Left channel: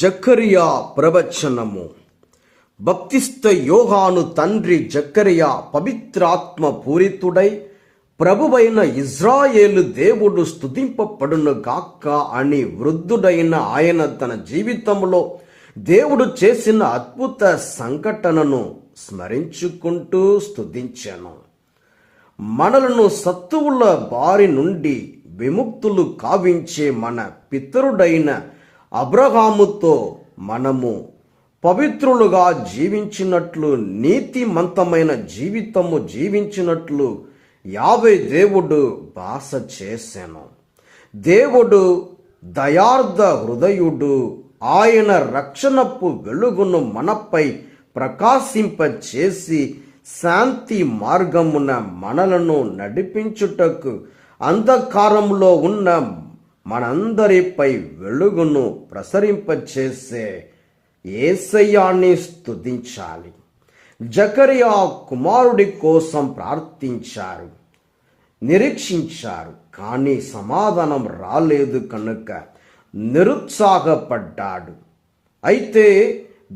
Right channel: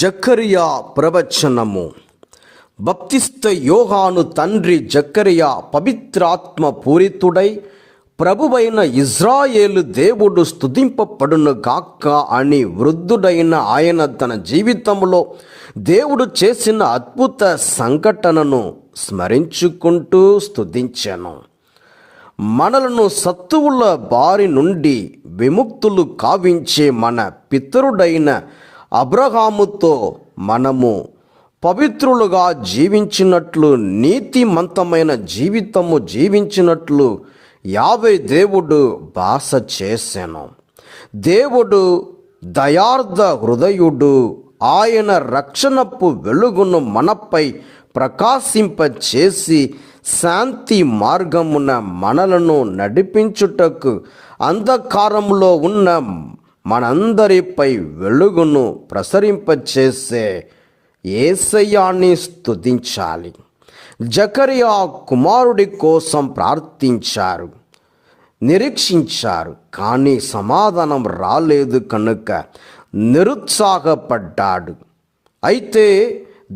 జకరియా ప్రవచనము. భక్తిస్థ యోహాను తండ్రి జకరియా పవిత్రాత్మ పూరితుడై, ప్రభువైన ఇజ్రాయేలు దేవుడు స్తుతింపబడును గాక అని వృద్ధుడైన ఆయన తన జీవితంలో దేవుడు చేసిన అద్భుత సంఘటనను స్మరించుకుంటూ స్తుతించాను. మనలను శత్రువుల బారి నుండి విముక్తులు కావించే మన పితరుడైన అబ్రహాముతో మనము పవిత్రులుగా జీవించినట్లు, నీతిమంతమైన జీవితము జీవించినట్లు యావే దేవుడు భాష చేశాను. దేవుడు దయార్థ హృదయుడు. ఆయన రక్షణపు వెలుగును మనపై ప్రకాశింపచేసి శాంతి మార్గమున మనలను నడిపించుటకు అంధకారంలో ఉన్న మనందరిపై వెలుగును ప్రసరింపచేసే యేసయ్యాని స్తుతించాలి. జకరియా కుమారుడి కోసం ప్రార్థించారు, నిరీక్షించారు, కానీ సమాధానం రాలేదు కనుక నిరుత్సాహపడ్డాడు. అయితే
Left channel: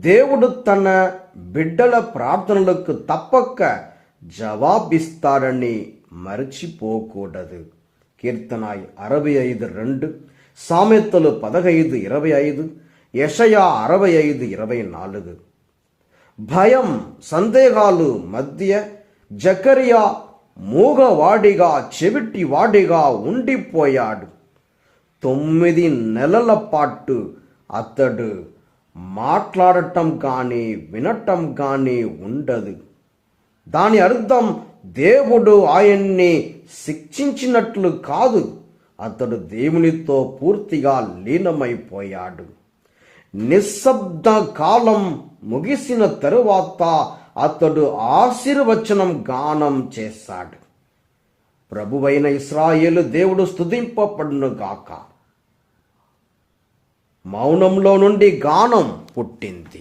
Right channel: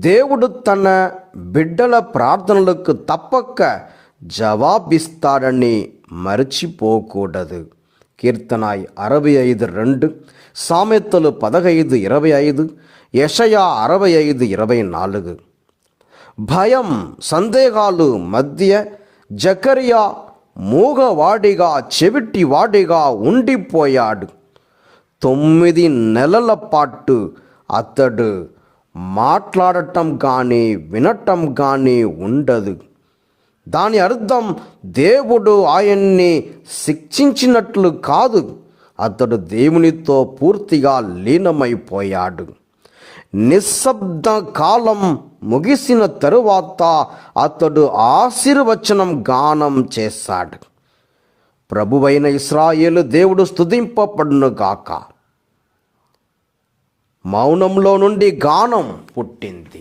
దేవుడు తన బిడ్డల ప్రార్థనలకు తప్పక జవాబిస్తాడని మరచిపోకూడదు. కీర్తన 65:2, సామెతలు 15:25, యెషయా 65:24. భయం, సందేహాలు మధ్య జకరియా మూగవాడిగా, చెవిటివాడిగా ఉండిపోయాడు. 9 నెలల పాటు అతడు మాట్లాడటం కానీ వినటం కానీ ఉండదు. దాని అర్థం దేవుడు ఆయన్ని శిక్షించినట్లు కాదు, అతడు దేవునితో పూర్తిగా లీనమైపోయాడు. నిశ్శబ్ద కాలం ముగిసిన తరువాత అతడు ఆశీర్వచనం గానం చేశాడు. ప్రభువైన ఇశ్రాయేలు దేవుడు స్తుతింపబడును గాక. మౌనంలో నుండి గానం పుట్టింది.